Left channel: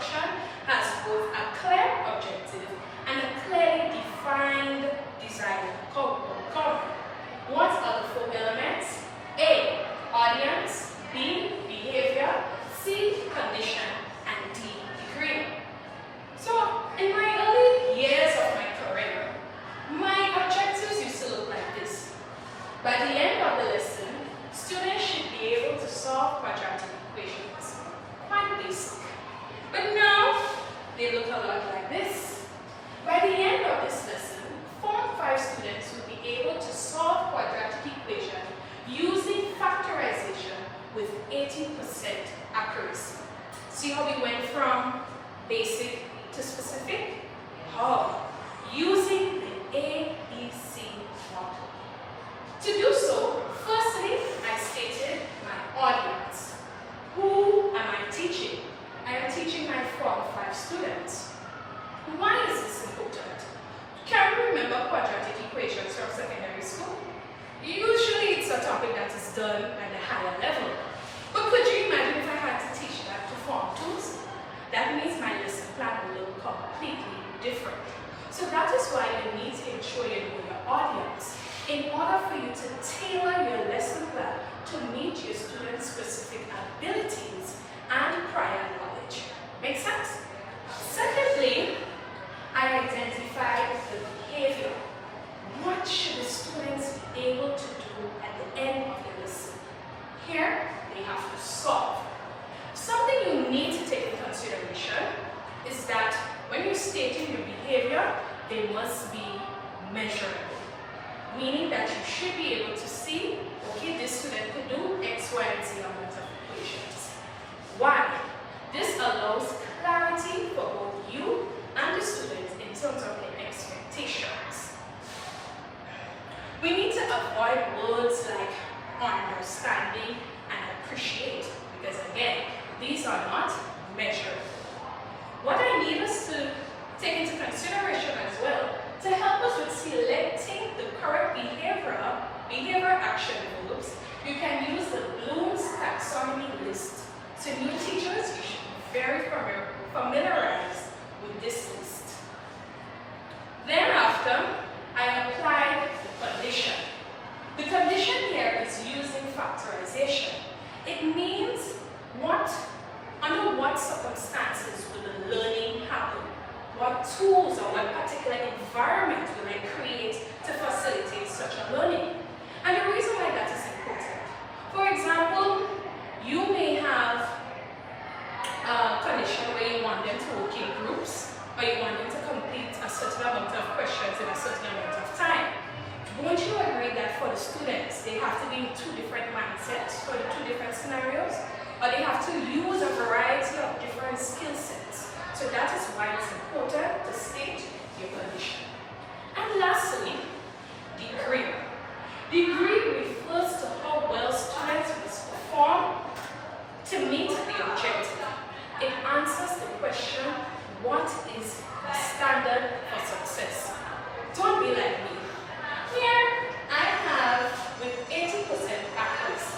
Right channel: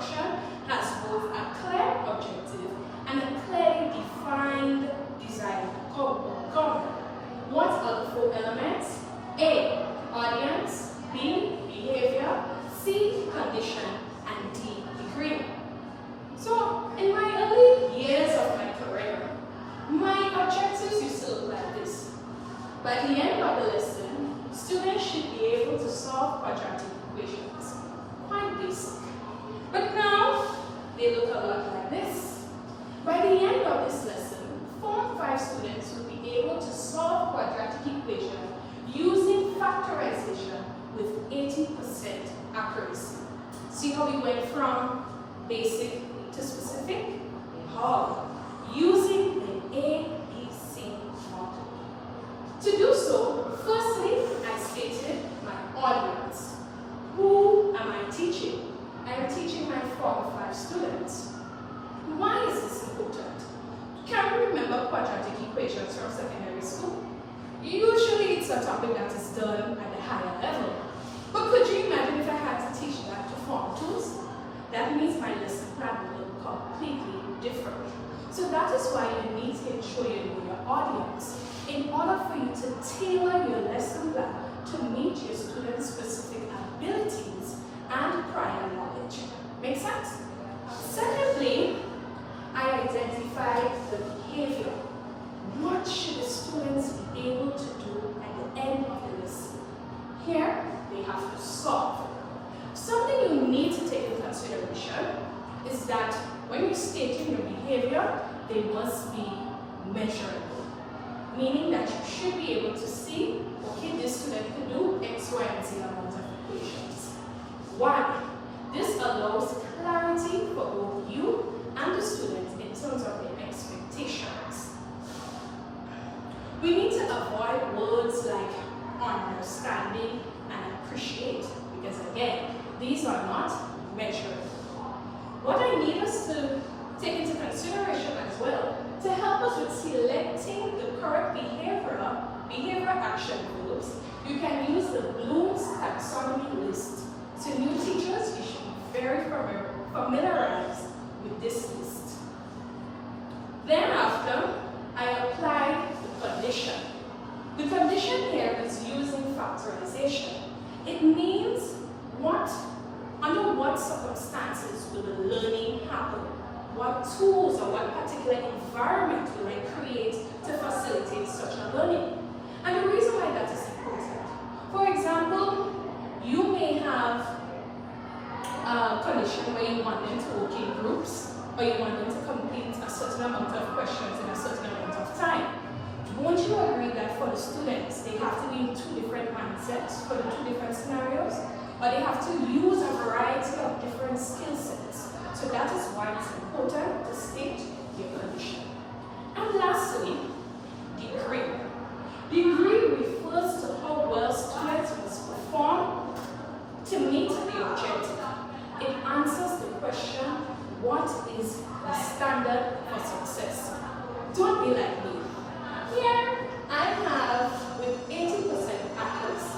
instruction has both a clear objective and a clearly defined desired outcome. What are the four elements? A, audience, B, behavior, C, condition, and D, degree. So, in my early years of my career, my objectives used to look like this. By the end of the lesson, students should be able to solve quadratic equations. Quite basic. But now, they look a lot like this. By the end of this lesson, Form 5 students will be able to solve quadratic equation using factorization with 80% accuracy. See how we went from basic to specific? How? Using the ABC model. To do so, firstly, I stated my audience. Who am I teaching? I am teaching my Form 5 students. Why is this important? Can you remember quadratic equations from secondary school? Usually it's a topic that is done at a higher level. But could you imagine if I had to teach that to Form 2s? That means my lesson plan will look completely different. So that is why you need to ensure you know your audience in order for you to tailor your lesson plan to meet your students' specific abilities and prior knowledge. Make sense? Secondly, I identified the behavior. What should the students be able to do at the end of the lesson? Here, they have to solve. Something you need to take into consideration is that when you're stating your behavior, they must be measurable. Meaning that you should be able to see, okay, this student could do X, Y, and Z amount of equations. Why? This allows clarity for both you and the students in terms of their expectations. We need to avoid words like understanding and appreciate, because again, these are not measurable. What I need us to take into consideration as well, to help us with selecting the correct behavior action groups, you can use the Bloom's taxonomy list. So new teachers, you should be very familiarized with this list. Then after, I applied the condition. The condition here is using factorization. It means under what circumstances will the learning happen? What tools or what particular environment will I create to facilitate such a learning? And the reason why that is important. For example, you may have a condition where you want them to work in groups, or you want them to complete a certain amount of questions in a certain amount of time. Won't you agree that for the students, they have to be in two different mindsets for the two different scenarios? Or they have to use a variety of different skill sets. So that is why it's important to state your condition. And lastly, degree. Degree refers to how well students must perform to meet the objective. It answers the question, what is the standard for success? Don't be like me. Here, I have with 80% accuracy.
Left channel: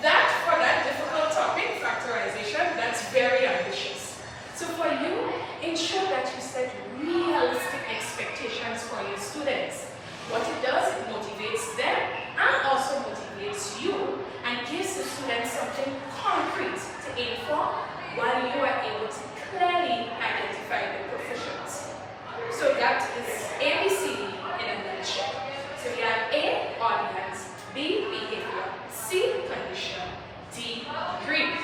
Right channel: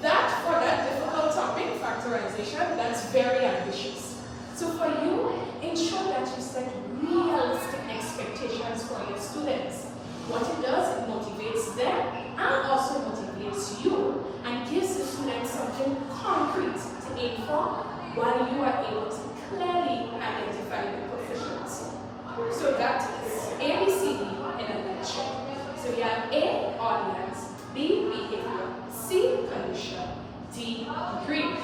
That, for that difficult topic, factorization, that's very ambitious. So for you, ensure that you set realistic expectations for your students. What it does, it motivates them and also motivates you and gives the students something concrete to aim for while you are able to clearly identify their proficiency. So that is ABCD in a nutshell. So we have A, audience, B, behavior, C, condition, D, degree.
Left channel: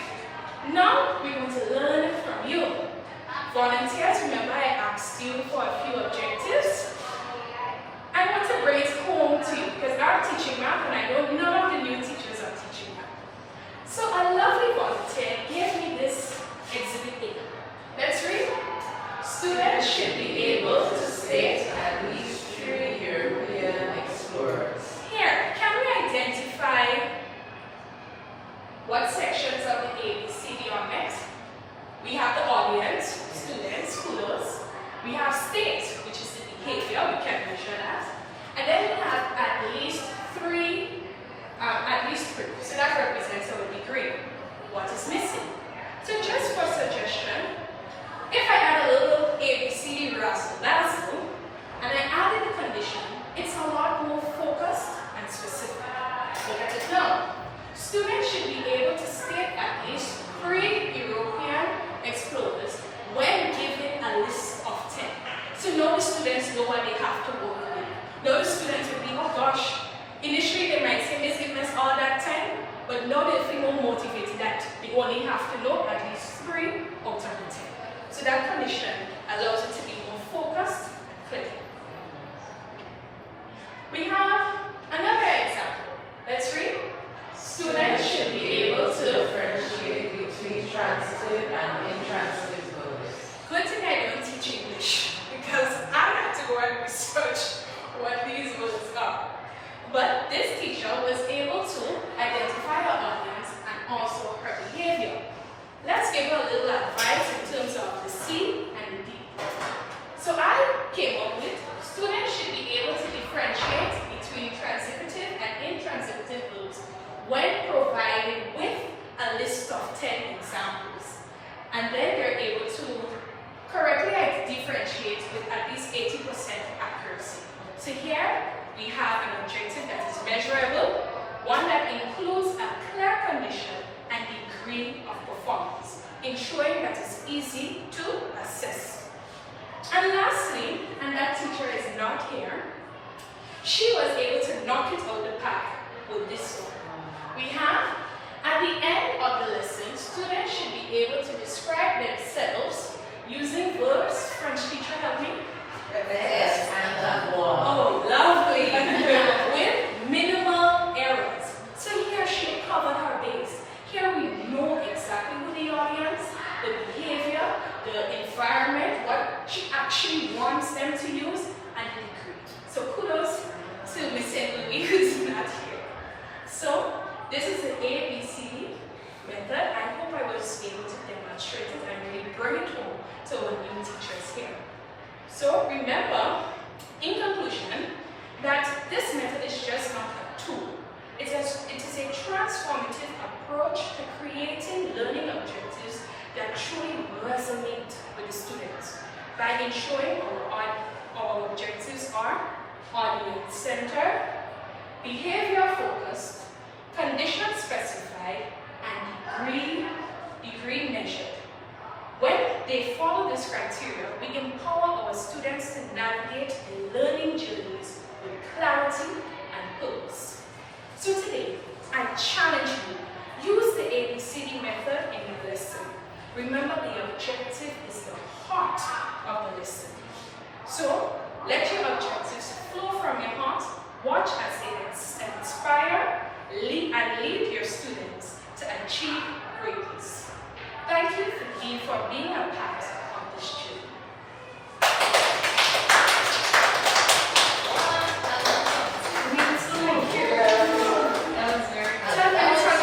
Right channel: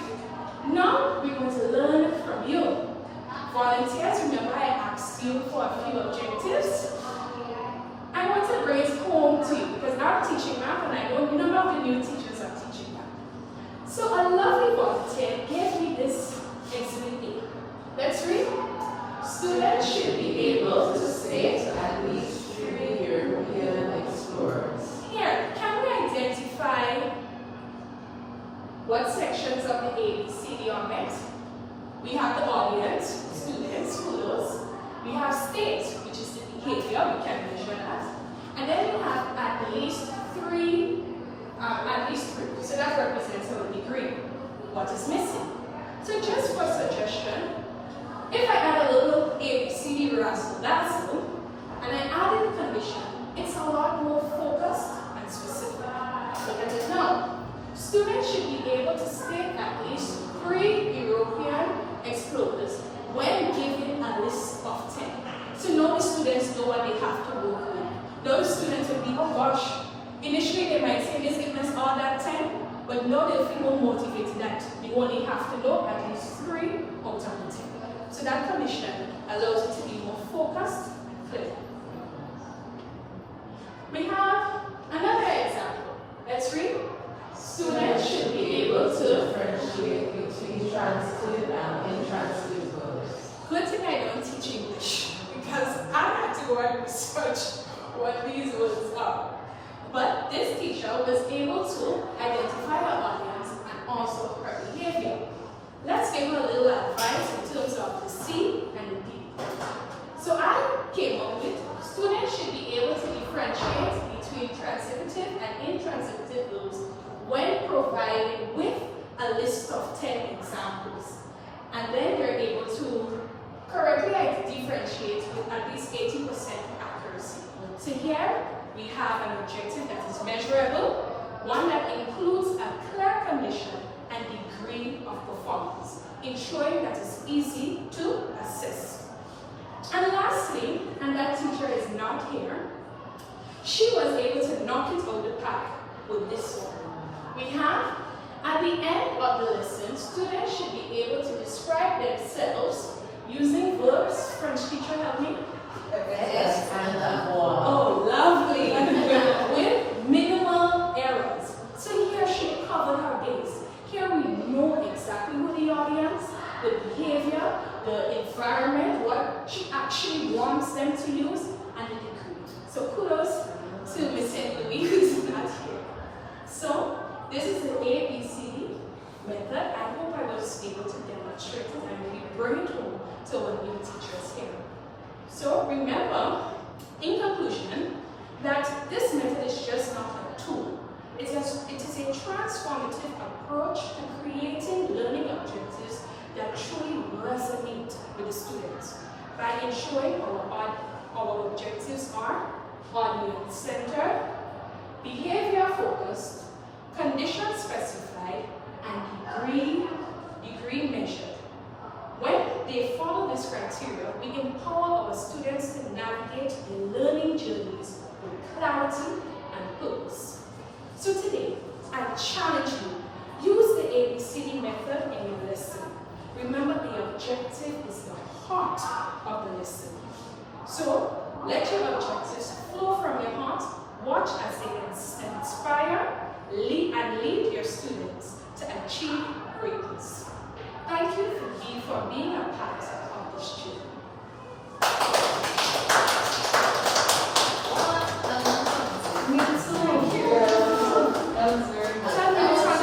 Now we want to learn from you. Volunteers, remember I asked you for a few objectives. I want to bring it home to you because now I'm teaching math and I know none of the new teachers are teaching math. So a lovely volunteer gave me this exhibit A. Let's read. Students should be able to state at least 3 European explorers. Here, can we identify what sections of the ABCD are met? We have the audience, students, schoolers. We have state, which is the behavior, we can measure that. And then we have at least three. So that represents our degree. What is missing? So just for suggestion, now they'll feel more motivated that they only have to know at least 3 out of the 10. So that condition allows you to be more focused and clear. We have another example. Let's read. Students should be able to differentiate between transitive and intransitive verbs. Good thing I don't teach English because I had to go and research what these words are. But this teacher was able to identify her audience and also her behavior. Let's give her a little advice in terms of the C and the D. So I came up with students should be able to differentiate between transitive and intransitive verbs when provided with a list of 10 examples. And then they're able to correctly differentiate with at least 80% accuracy. So here we have an objective that is measurable, one that includes a clear condition and degree of performance, ensuring that it's easy to assess. And lastly, and that teacher is not here, she was able to knock it out of the park with this one. We have, at the end of the lesson, students should be able to describe themselves using verbs. French teacher, help me. Yes, and more. Oh, lovely. With minimal errors. So here she covered her base. Here we know exactly who the audience, the behavior, the environment, what she actually wants them to use, and the degree. So kudos to Miss St. Louis who's not here. So this is the ABCD method. I hope I was able to demonstrate it and really bring it home to our new teachers here. So remember, in conclusion, that this method is just not a tool. It is a transformative approach to creating learning objectives that truly resonate with the students by ensuring our objectives are audience-centered, behavior-focused, condition-specified, and degree measured. When they follow this criteria, we empower our students to navigate the learning journeys with clarity and purpose. So today, I challenge you, use the ABCD method in your lesson. Remember, the objective is the heart of the lesson. So, let your objectives flow from your heart, watch as they inspire, lead your students to achieve greatness. Thank you for being a part of this journey.